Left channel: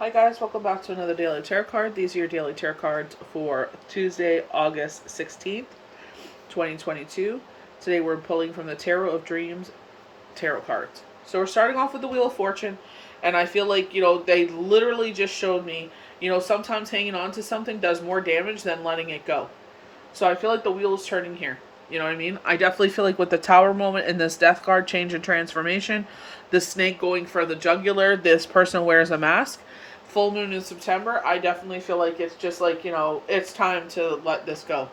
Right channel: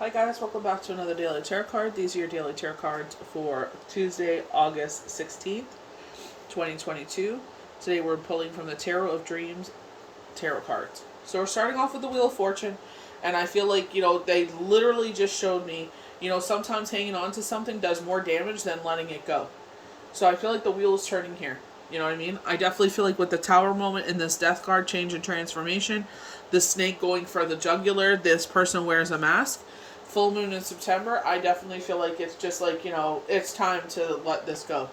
Hi guys, welcome back to another daily tarot card. These are your daily tarot cards for Tuesday, August 16th, 2022. Today we're pulling from the Tarot of Dreams tarot cards. So we're starting off with the Wheel of Fortune, and I feel like, they literally just showed me, sometimes hanging on to something does more damage than letting it go. So I feel like the wheel is turning here. You know what I mean? I definitely feel like with the Tower moment in this Death card, change and transformation, the snake going for the jugular, this person wears a mask. Full moon in September, I definitely feel like it's just like, it's time to let this go.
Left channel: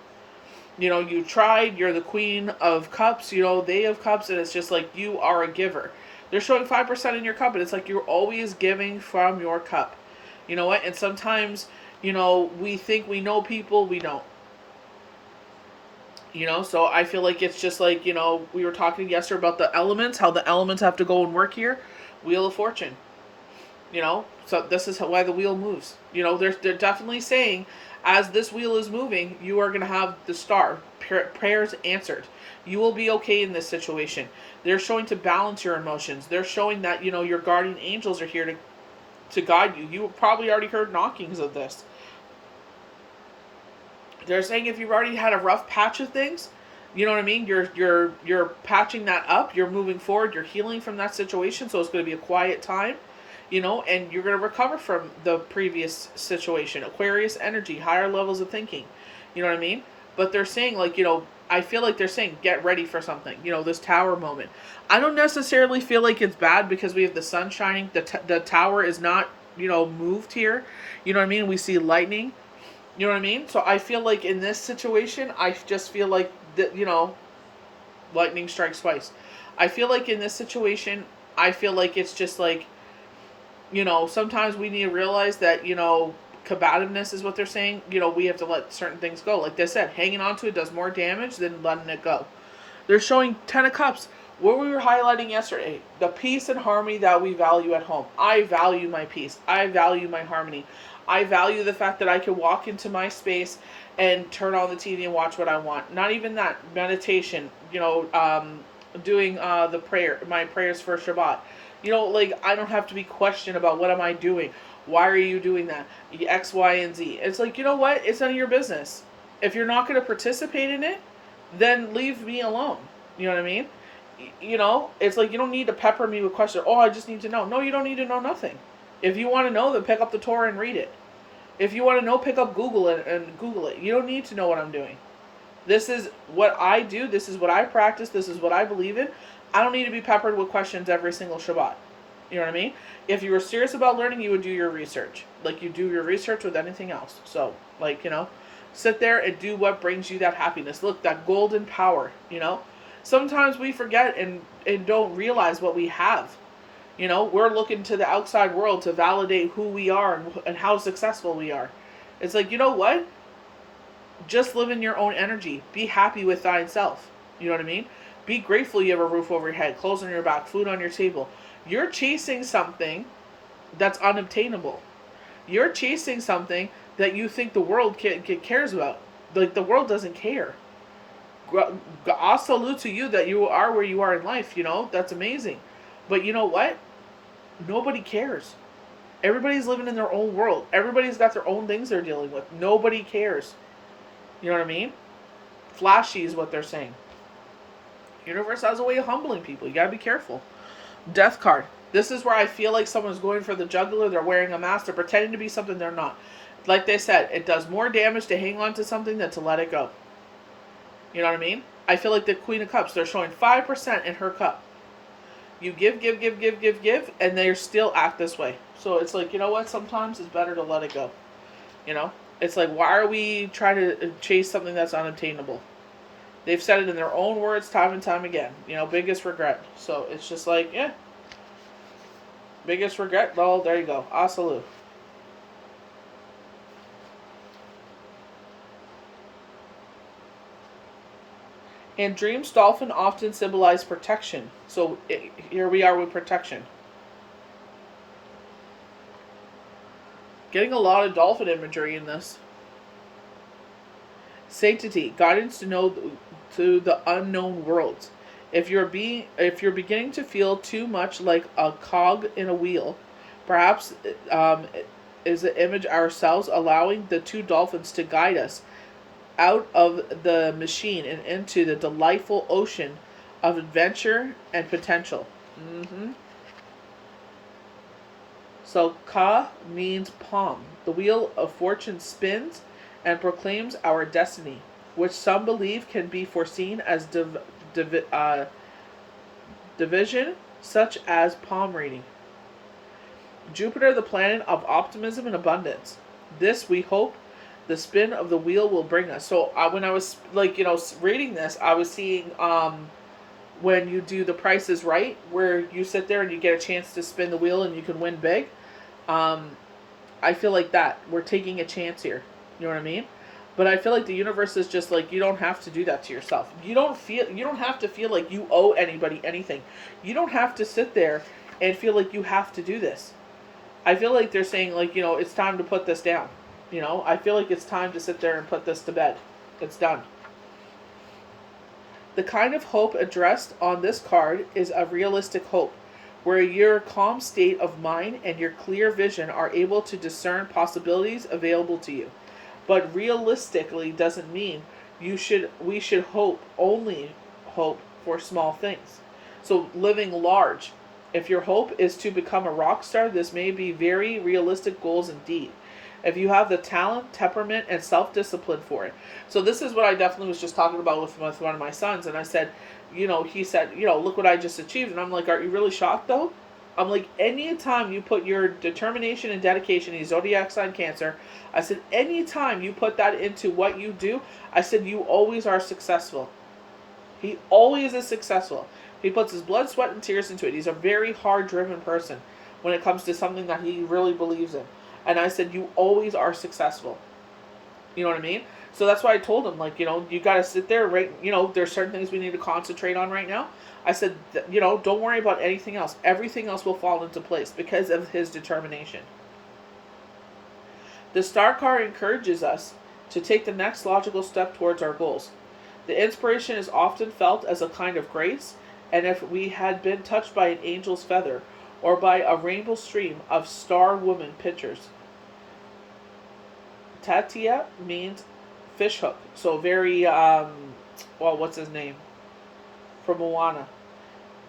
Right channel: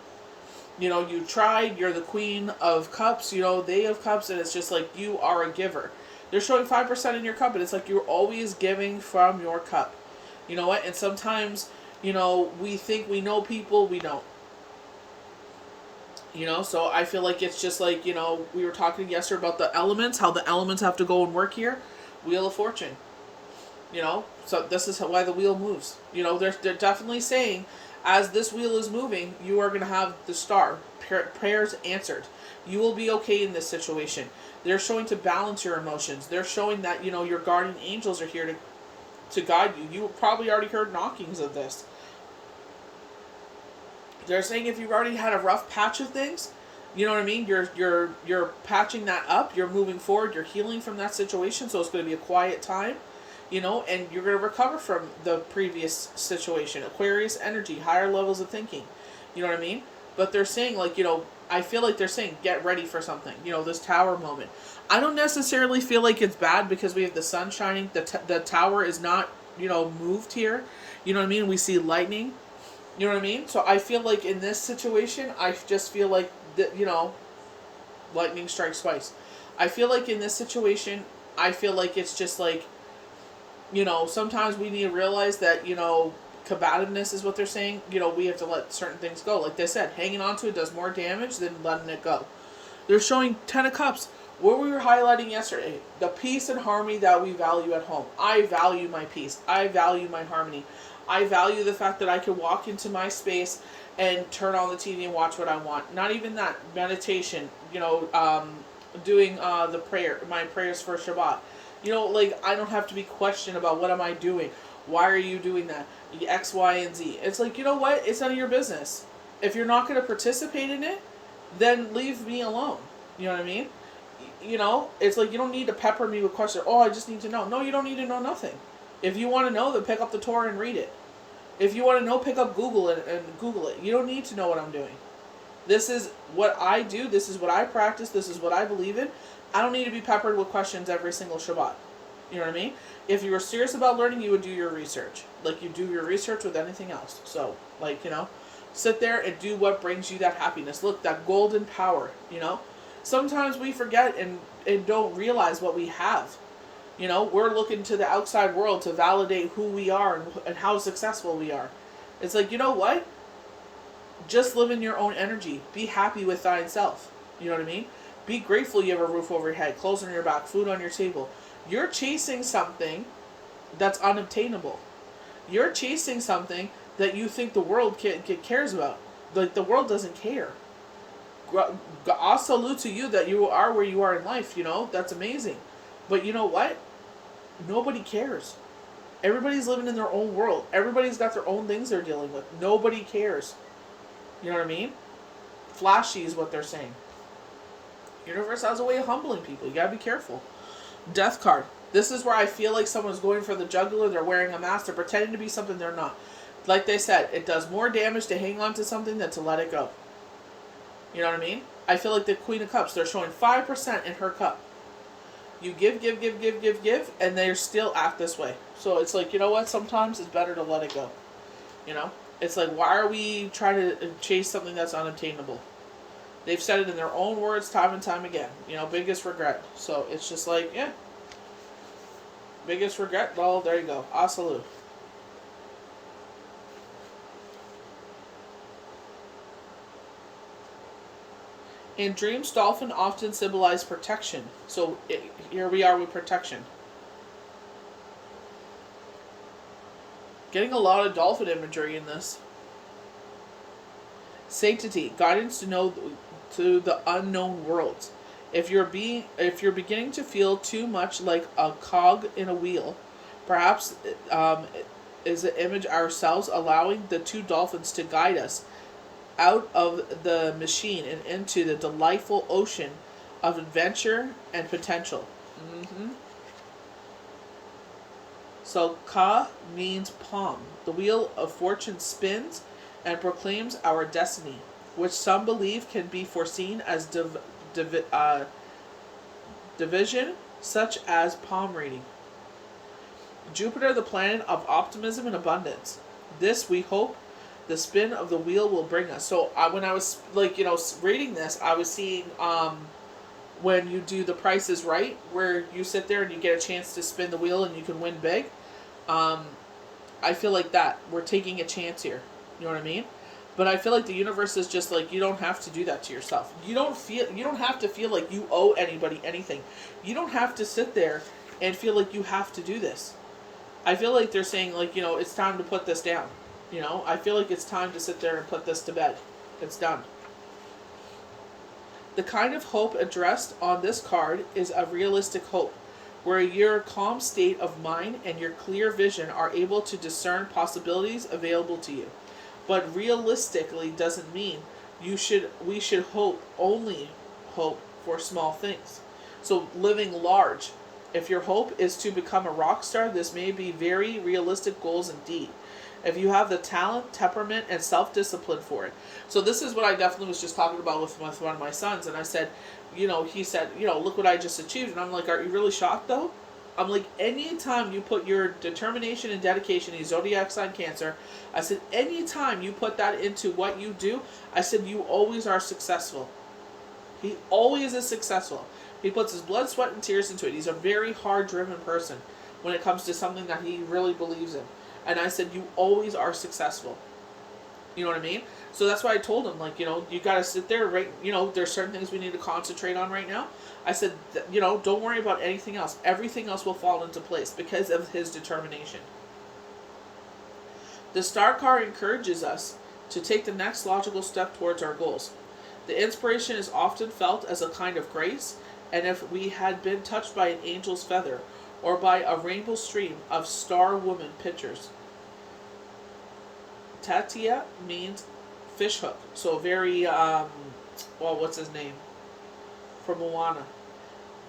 You tried, you're the Queen of Cups, they of Cups, and it's just like you are a giver. They're showing 5% in your cup, and it's like you're always giving from your cup. You know what? And sometimes, we think we know people, we don't. So I feel like it's just like, we were talking yesterday about the elements, how the elements have to go and work here. Wheel of Fortune. So this is why the wheel moves. They're definitely saying, as this wheel is moving, you are going to have the star. Prayers answered. You will be okay in this situation. They're showing to balance your emotions. They're showing that, your guardian angels are here to guide you. You probably already heard knockings of this. They're saying if you've already had a rough patch of things, you know what I mean? You're patching that up. You're moving forward. You're healing from that situation. So it's going to be a quiet time, and you're going to recover from the previous situation. Aquarius energy, higher levels of thinking. You know what I mean? But they're saying, like, I feel like they're saying get ready for something. This tower moment. I don't necessarily feel like it's bad because we have the sun shining. The tower is not, moved here. You know what I mean? We see lightning. You know what I mean? So I feel like in this situation, I just feel like, lightning strikes twice. I feel like in this situation, I feel like it's just like, sometimes we need to realize that, combativeness is what they're saying. We have to let certain things go. Like they said, hanging on to it does more damage than letting it go. They're showing 10 of Cups. What we were highlighting yesterday, the peace and harmony that we value at home. I value my peace. I value my harmony. I value the fact that I can walk into my space and turn on the TV and watch what I want. Not even that. Meditation, doing the prayer, my prayers for Shabbat. I don't have to be questioned about what am I doing. Why are you doing that? X, Y, and Z. It's like, you know what? It's none of your business. If you're not going to participate in it, then leave me alone. You know what I mean? It's like you don't need to pepper me with questions. Oh, I just need to know. No, you don't need to know nothing. If you want to know, then pick up the Torah and read it. If you want to know, pick up Google and Google it. You don't need to know what I'm doing. This is what I do. This is what I practice. This is what I believe in. I don't need to be peppered with questions every single Shabbat. You know what I mean? If you were serious about learning, you would do your research. Like you do your research with anything else. So, sit there and do what brings you that happiness. Look, that golden power, Sometimes we forget and don't realize what we have. We're looking to the outside world to validate who we are and how successful we are. It's like, you know what? Just live in your own energy. Be happy with thyself. You know what I mean? Be grateful you have a roof over your head, clothes on your back, food on your table. You're chasing something that's unobtainable. You're chasing something that you think the world cares about. Like, the world doesn't care. I'll salute to you that you are where you are in life, That's amazing. But you know what? Nobody cares. Everybody's living in their own world. Everybody's got their own things they're dealing with. Nobody cares. You know what I mean? Flashy is what they're saying. Universe has a way of humbling people. You gotta be careful. Death card. This is where I feel like someone's going for the jugular. They're wearing a mask. They're pretending to be something they're not. Like they said, it does more damage to hang on to something than to let it go. You know what I mean? I feel like the Queen of Cups. They're showing 5% in her cup. You give, and they still act this way. So it's like, you know what? Sometimes it's better to let it go. It's like, why are we trying to chase something that's unattainable? They've said it in their own words time and time again. Biggest regret. So it's just like, yeah. Biggest regret? Well, there you go. Asalu. In dreams, dolphin often symbolize protection. So here we are with protection. Getting a lot of dolphin imagery in this. Sanctity, guidance to the unknown worlds. If you're beginning to feel too much like a cog in a wheel, perhaps is the image ourselves, allowing the two dolphins to guide us out of the machine and into the delightful ocean of adventure and potential. Mm-hmm. So Ka means palm. The wheel of fortune spins and proclaims our destiny, which some believe can be foreseen as division, such as palm reading. Jupiter, the planet of optimism and abundance. This, we hope, the spin of the wheel will bring us. So when I was reading this, I was seeing when you do The Price is Right, where you sit there and you get a chance to spin the wheel and you can win big. I feel like that we're taking a chance here. You know what I mean? But I feel like the universe is just like, you don't have to do that to yourself. You don't have to feel like you owe anybody anything. You don't have to sit there and feel like you have to do this. I feel like they're saying, like, it's time to put this down. I feel like it's time to sit there and put this to bed. It's done. The kind of hope addressed on this card is a realistic hope, where your calm state of mind and your clear vision are able to discern possibilities available to you. But realistically doesn't mean we should only hope for small things. So living large. If your hope is to become a rock star, this may be very realistic goals indeed, if you have the talent, temperament, and self-discipline for it. So this is what I definitely was just talking about with one of my sons. And I said, he said, look what I just achieved. And I'm like, are you really shocked though? I'm like, anytime you put your determination and dedication, he's zodiac sign Cancer. I said, anytime you put that into what you do, I said, you always are successful. He always is successful. He puts his blood, sweat, and tears into it. He's a very hard-driven person when it comes to something that he really believes in. And I said, you always are successful. You know what I mean? So that's why I told him, like, you got to sit there, right? There's certain things we need to concentrate on right now. I said, don't worry about anything else. Everything else will fall into place because of his determination. The star card encourages us to take the next logical step towards our goals. The inspiration is often felt as a kind of grace, and if we had been touched by an angel's feather or by a rainbow stream of star woman pictures. Tatia means fishhook. So very, what's his name? From Moana.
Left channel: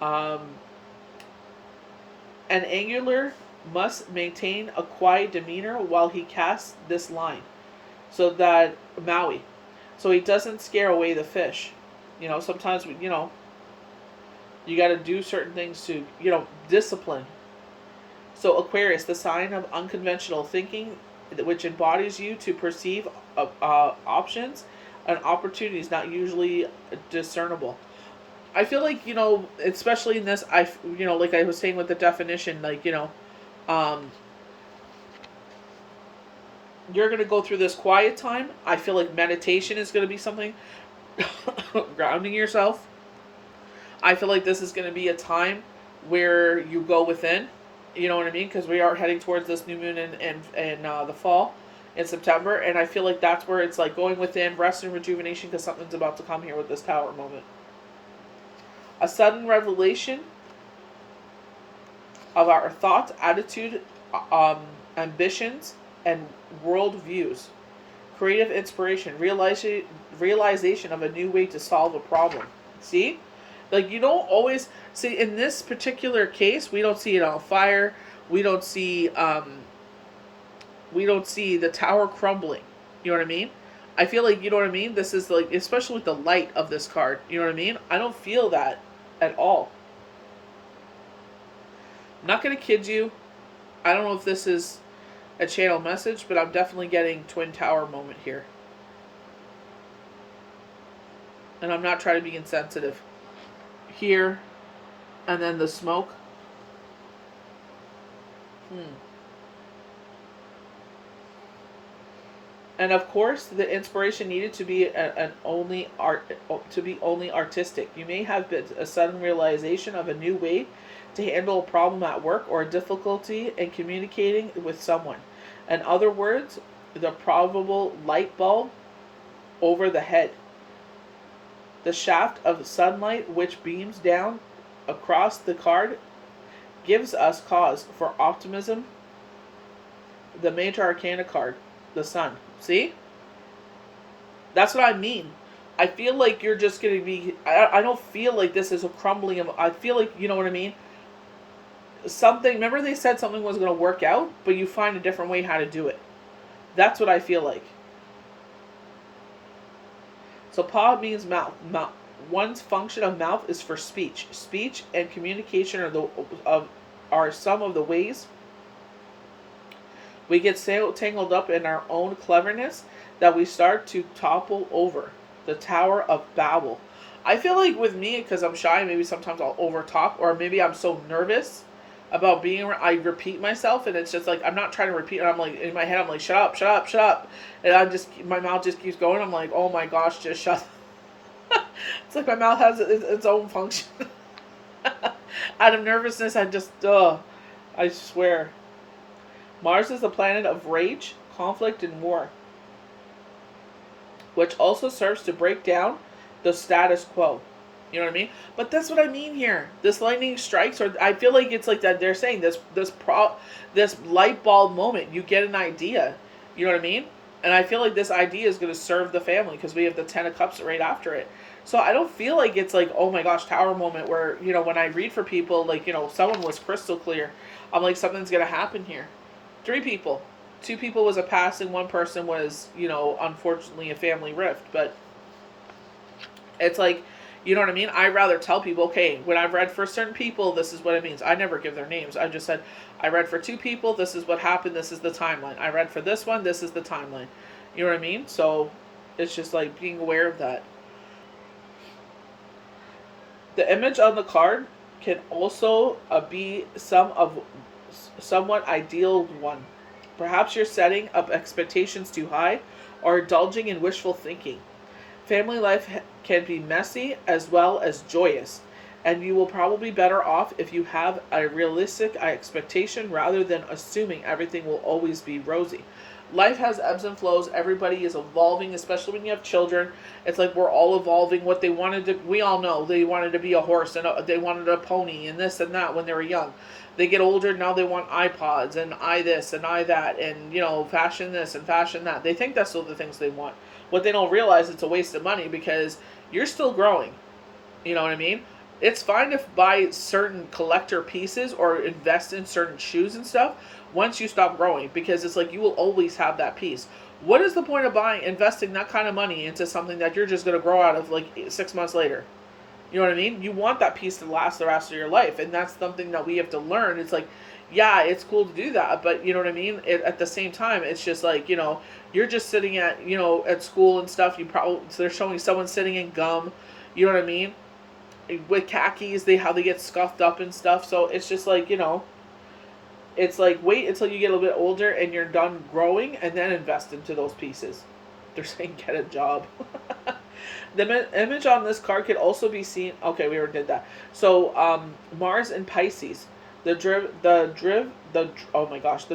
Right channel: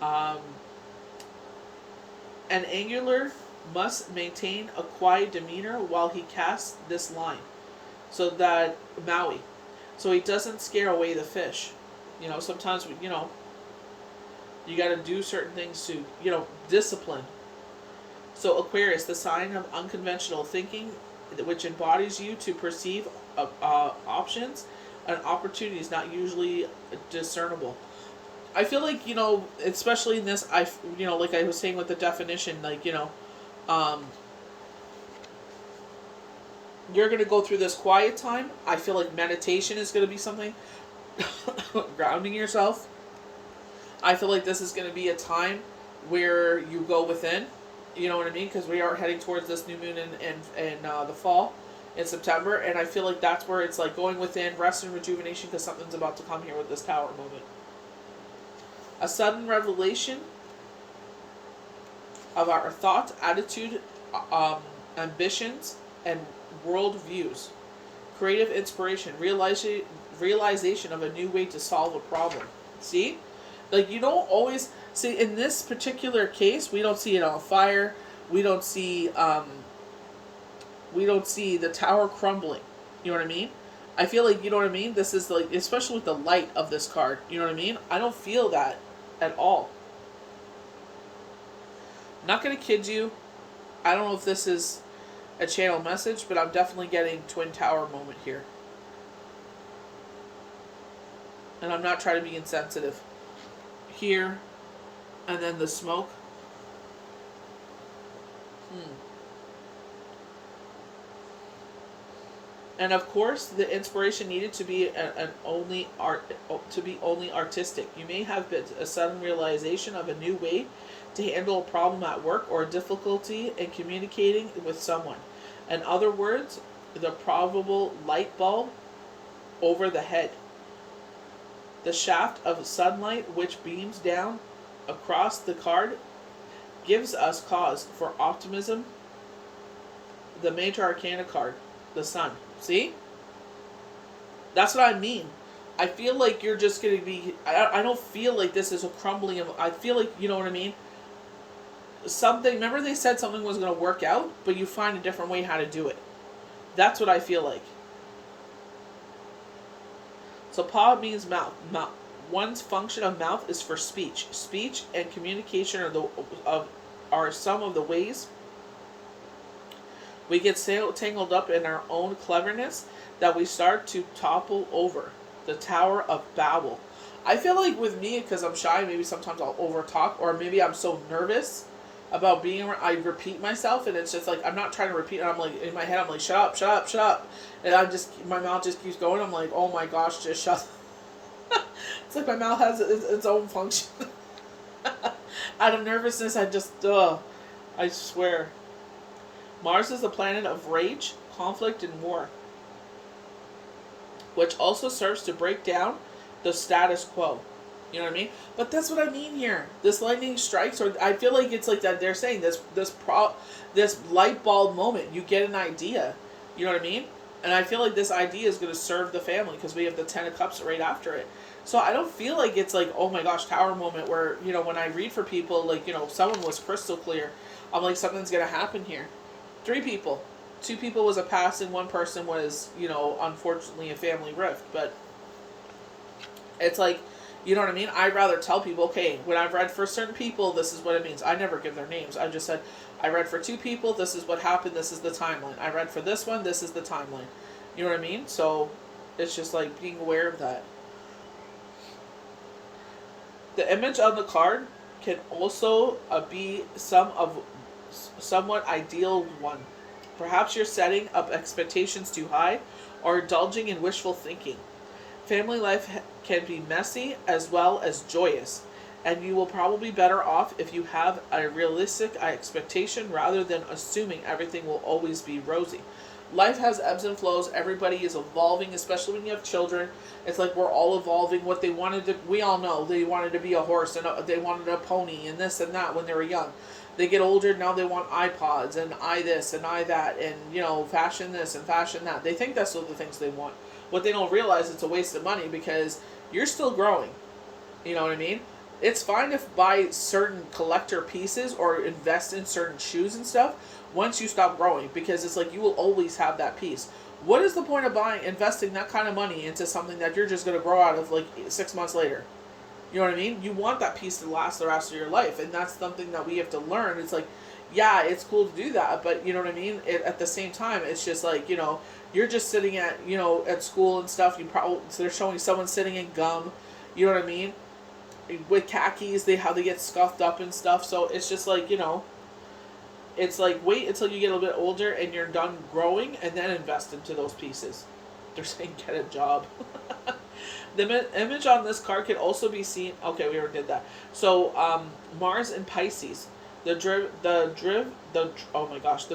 An angler must maintain a quiet demeanor while he casts this line. So that, Maui. So he doesn't scare away the fish. Sometimes, you got to do certain things to, discipline. So Aquarius, the sign of unconventional thinking, which embodies you to perceive options and opportunities not usually discernible. I feel like, especially in this, like I was saying with the definition, like, you're going to go through this quiet time. I feel like meditation is going to be something, grounding yourself. I feel like this is going to be a time where you go within, you know what I mean? Because we are heading towards this new moon in the fall, in September. And I feel like that's where it's like going within, rest and rejuvenation, because something's about to come here with this Tower moment. A sudden revelation of our thoughts, attitude, ambitions, and world views. Creative inspiration, realization of a new way to solve a problem. See? Like, you don't always see, in this particular case, we don't see it on fire. We don't see the tower crumbling. You know what I mean? I feel like, you know what I mean? This is like, especially with the light of this card, you know what I mean? I don't feel that at all. I'm not going to kid you. I don't know if this is a channel message, but I'm definitely getting Twin Tower moment here. And I'm not trying to be insensitive. Here, and then the smoke. And of course, the inspiration needed to be only artistic. You may have been a sudden realization of a new way to handle a problem at work or a difficulty in communicating with someone. In other words, the probable light bulb over the head. The shaft of sunlight which beams down across the card gives us cause for optimism. The Major Arcana card, the Sun. See? That's what I mean. I feel like you're just going to be... I don't feel like this is a crumbling of... I feel like, you know what I mean? Something... Remember they said something was going to work out, but you find a different way how to do it. That's what I feel like. So pa means mouth. One's function of mouth is for speech. Speech and communication are some of the ways we get so tangled up in our own cleverness that we start to topple over. The Tower of Babel. I feel like with me, because I'm shy, maybe sometimes I'll over talk, or maybe I'm so nervous about being around, I repeat myself, and it's just like, I'm not trying to repeat, and I'm like, in my head, I'm like, shut up, shut up, shut up. And my mouth just keeps going. I'm like, oh my gosh, just shut up. It's like my mouth has its own function. Out of nervousness, I swear. Mars is the planet of rage, conflict, and war, which also serves to break down the status quo. You know what I mean? But that's what I mean here. This lightning strikes, or I feel like it's like that. They're saying this light bulb moment. You get an idea. You know what I mean? And I feel like this idea is going to serve the family because we have the 10 of Cups right after it. So I don't feel like it's like, oh my gosh, Tower moment where, you know, when I read for people, like, you know, someone was crystal clear. I'm like, something's going to happen here. 3 people. 2 people was a passing. 1 person was, you know, unfortunately a family rift. But it's like, you know what I mean? I rather tell people, okay, when I've read for certain people, this is what it means. I never give their names. I just said, I read for 2 people, this is what happened, this is the timeline. I read for this one, this is the timeline. You know what I mean? So it's just like being aware of that. The image on the card can also be somewhat ideal one. Perhaps you're setting up expectations too high or indulging in wishful thinking. Family life can be messy as well as joyous, and you will probably be better off if you have a realistic expectation rather than assuming everything will always be rosy. Life has ebbs and flows. Everybody is evolving, especially when you have children. It's like we're all evolving. What they wanted to, we all know, they wanted to be a horse and they wanted a pony and this and that when they were young. They get older, now they want iPods and I this and I that and, you know, fashion this and fashion that. They think that's all the things they want. What they don't realize, it's a waste of money because you're still growing. You know what I mean? It's fine to buy certain collector pieces or invest in certain shoes and stuff once you stop growing, because it's like you will always have that piece. What is the point of investing that kind of money into something that you're just going to grow out of like 6 months later? You know what I mean? You want that piece to last the rest of your life, and that's something that we have to learn. It's like, yeah, it's cool to do that, but you know what I mean? At the same time, it's just like, you know, you're just sitting at, you know, at school and stuff. So they're showing someone sitting in gum. You know what I mean? With khakis, how they get scuffed up and stuff. So it's just like, you know, it's like wait until you get a little bit older and you're done growing, and then invest into those pieces. They're saying get a job. The image on this card could also be seen. Okay, we already did that. So Mars and Pisces. The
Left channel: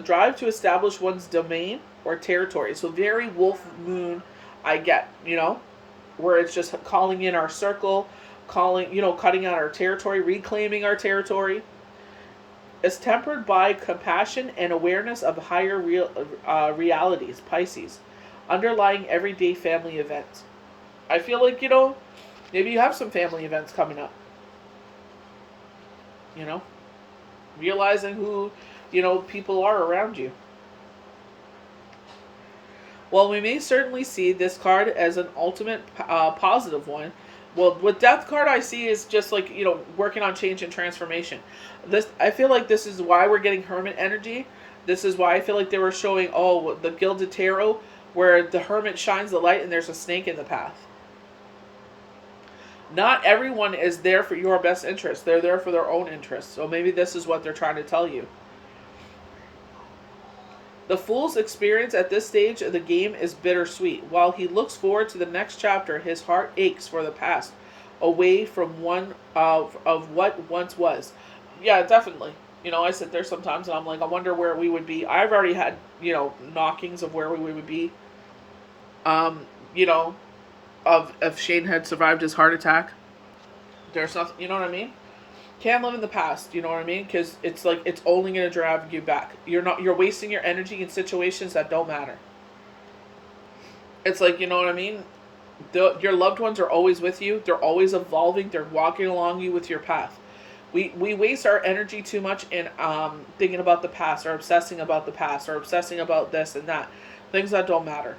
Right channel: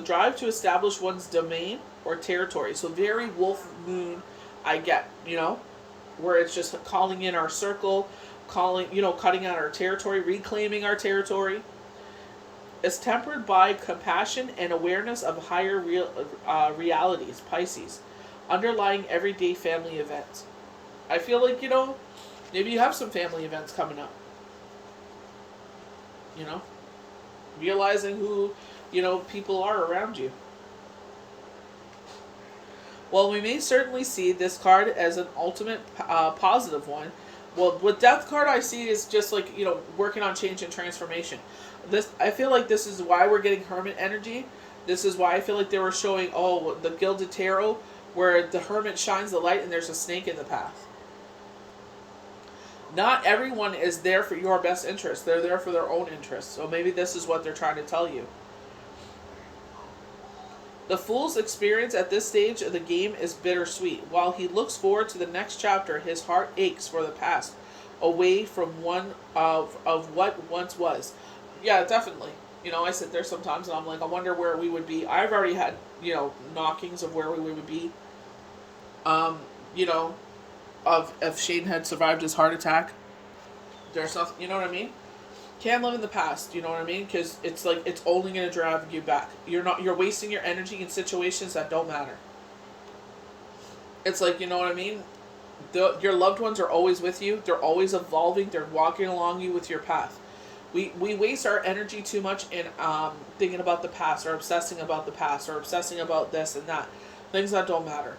drive to establish one's domain or territory. So very wolf moon, I get, you know, where it's just calling in our circle, cutting out our territory, reclaiming our territory. It's tempered by compassion and awareness of higher realities, Pisces, underlying everyday family events. I feel like, you know, maybe you have some family events coming up. You know? Realizing who, you know, people are around you. While we may certainly see this card as an ultimate positive one, well, with Death card I see is just like, you know, working on change and transformation. I feel like this is why we're getting Hermit energy. This is why I feel like they were showing, the Gilded Tarot, where the Hermit shines the light and there's a snake in the path. Not everyone is there for your best interest. They're there for their own interests. So maybe this is what they're trying to tell you. The Fool's experience at this stage of the game is bittersweet. While he looks forward to the next chapter, his heart aches for the past, away from one of what once was. Yeah, definitely. You know, I sit there sometimes and I'm like, I wonder where we would be. I've already had, you know, knockings of where we would be. You know, if Shane had survived his heart attack. There's nothing, you know what I mean? Can't live in the past, you know what I mean? Because it's like it's only going to drive you back. You're wasting your energy in situations that don't matter. It's like, you know what I mean? Your loved ones are always with you. They're always evolving. They're walking along you with your path. We waste our energy too much in thinking about the past, or obsessing about the past, or obsessing about this and that. Things that don't matter.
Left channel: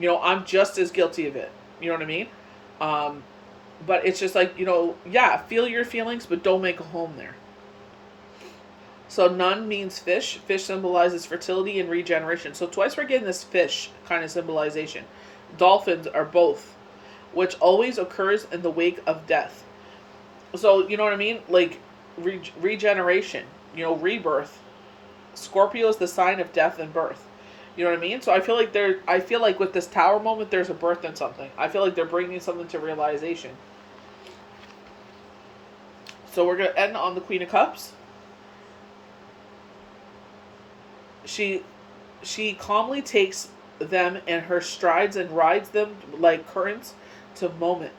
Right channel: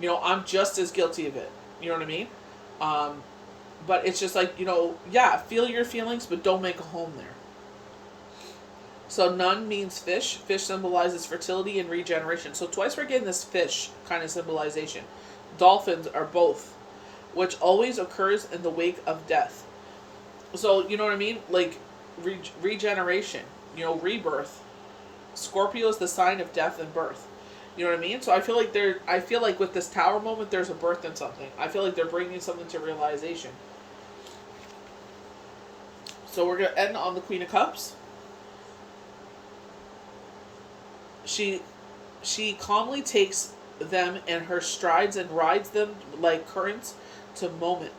You know, I'm just as guilty of it. You know what I mean? Um, but it's just like, you know, yeah, feel your feelings, but don't make a home there. So nun means fish. Fish symbolizes fertility and regeneration. So twice we're getting this fish kind of symbolization. Dolphins are both, which always occurs in the wake of death. So, you know what I mean? Like, regeneration, you know, rebirth. Scorpio is the sign of death and birth. You know what I mean? So I feel like with this tower moment, there's a birth in something. I feel like they're bringing something to realization. So we're going to end on the Queen of Cups. She calmly takes them in her strides and rides them like currents to moment.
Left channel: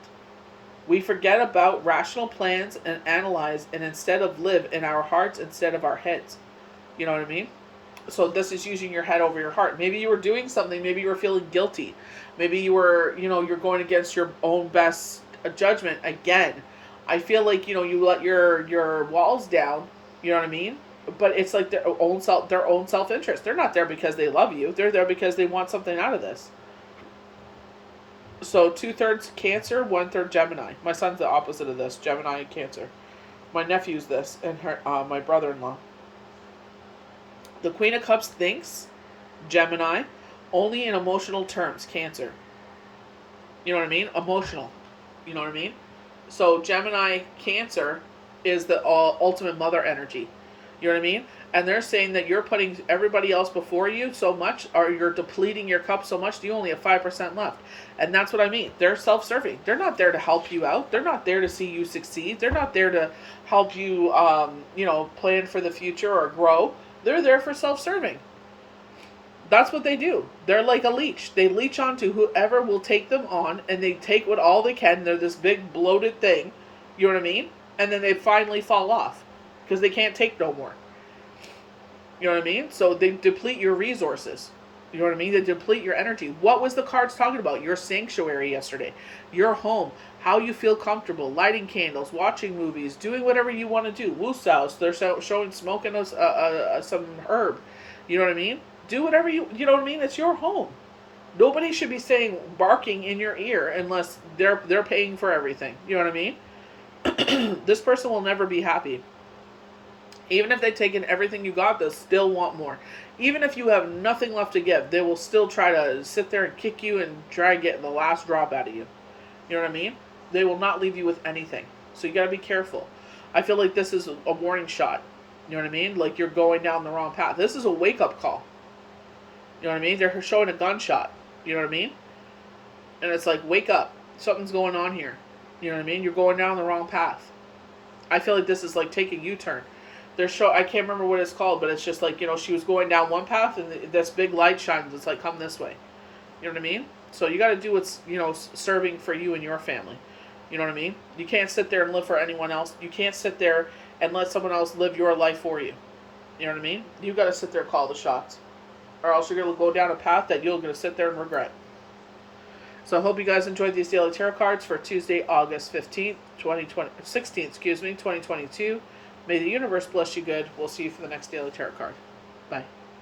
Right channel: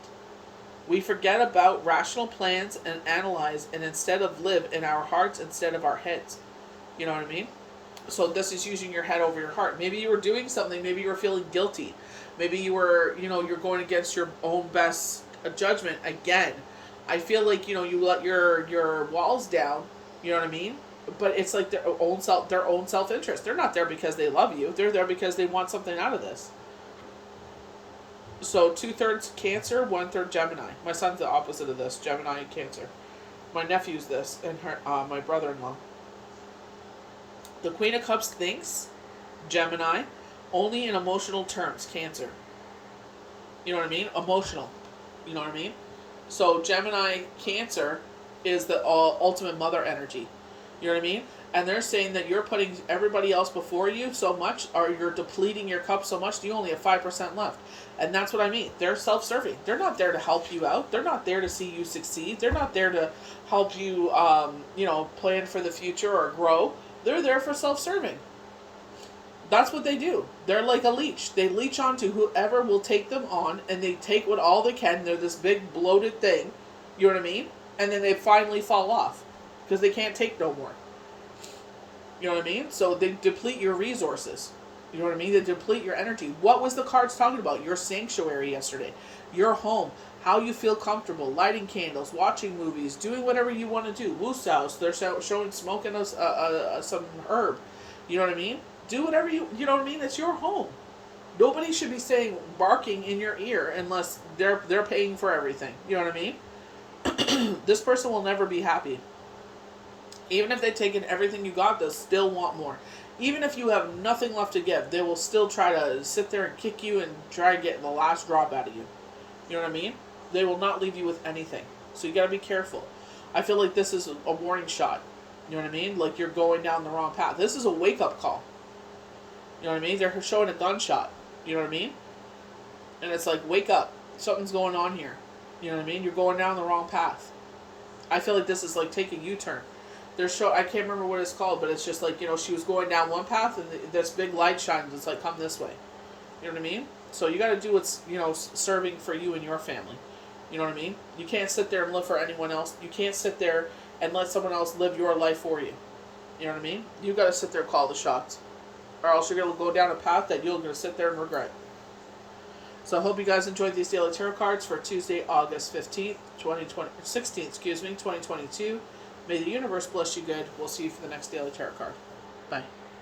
We forget about rational plans and analyze, and instead of live in our hearts instead of our heads. You know what I mean? So this is using your head over your heart. Maybe you were doing something. Maybe you were feeling guilty. Maybe you were, you know, you're going against your own best judgment again. I feel like, you know, you let your walls down. You know what I mean? But it's like their own self interest. They're not there because they love you. They're there because they want something out of this. So 2/3 Cancer, 1/3 Gemini. My son's the opposite of this, Gemini and Cancer. My nephew's this, and my brother-in-law. The Queen of Cups thinks, Gemini, only in emotional terms, Cancer. You know what I mean? Emotional. You know what I mean? So Gemini, Cancer is the ultimate mother energy. You know what I mean? And they're saying that you're putting everybody else before you so much, or you're depleting your cup so much that you only have 5% left. And that's what I mean. They're self-serving. They're not there to help you out. They're not there to see you succeed. They're not there to help you, you know, plan for the future or grow. They're there for self-serving. That's what they do. They're like a leech. They leech onto whoever will take them on, and they take what all they can. They're this big bloated thing. You know what I mean? And then they finally fall off because they can't take no more. You know what I mean? So they deplete your resources. You know what I mean? They deplete your energy. What was the cards talking about? Your sanctuary yesterday. Your home. How you feel comfortable. Lighting candles. Watching movies. Doing whatever you want to do. Wooshouse. They're showing smoking some herb. You know what I mean? Do whatever you know what I mean? It's your home. Nobody should be saying, barking in your ear unless they're paying for everything. You know what I mean? This person will never be happy. Even if they've taken everything you got, they'll still want more. Even if you have nothing left to give, they will still try to sit there and kick you and try to get the last drop out of you. You know what I mean? They will not leave you with anything. So you got to be careful. I feel like this is a warning shot. You know what I mean? Like you're going down the wrong path. This is a wake-up call. You know what I mean? They're showing a gunshot. You know what I mean? And it's like, wake up. Something's going on here. You know what I mean? You're going down the wrong path. I feel like this is like taking a U-turn. I can't remember what it's called, but it's just like, you know, she was going down one path and this big light shines. It's like, come this way. You know what I mean? So you got to do what's, you know, serving for you and your family. You know what I mean? You can't sit there and live for anyone else. You can't sit there and let someone else live your life for you. You know what I mean? You got to sit there and call the shots. Or else you're going to go down a path that you're going to sit there and regret. So I hope you guys enjoyed these daily tarot cards for Tuesday, August 15th, 2022. May the universe bless you good. We'll see you for the next daily tarot card. Bye.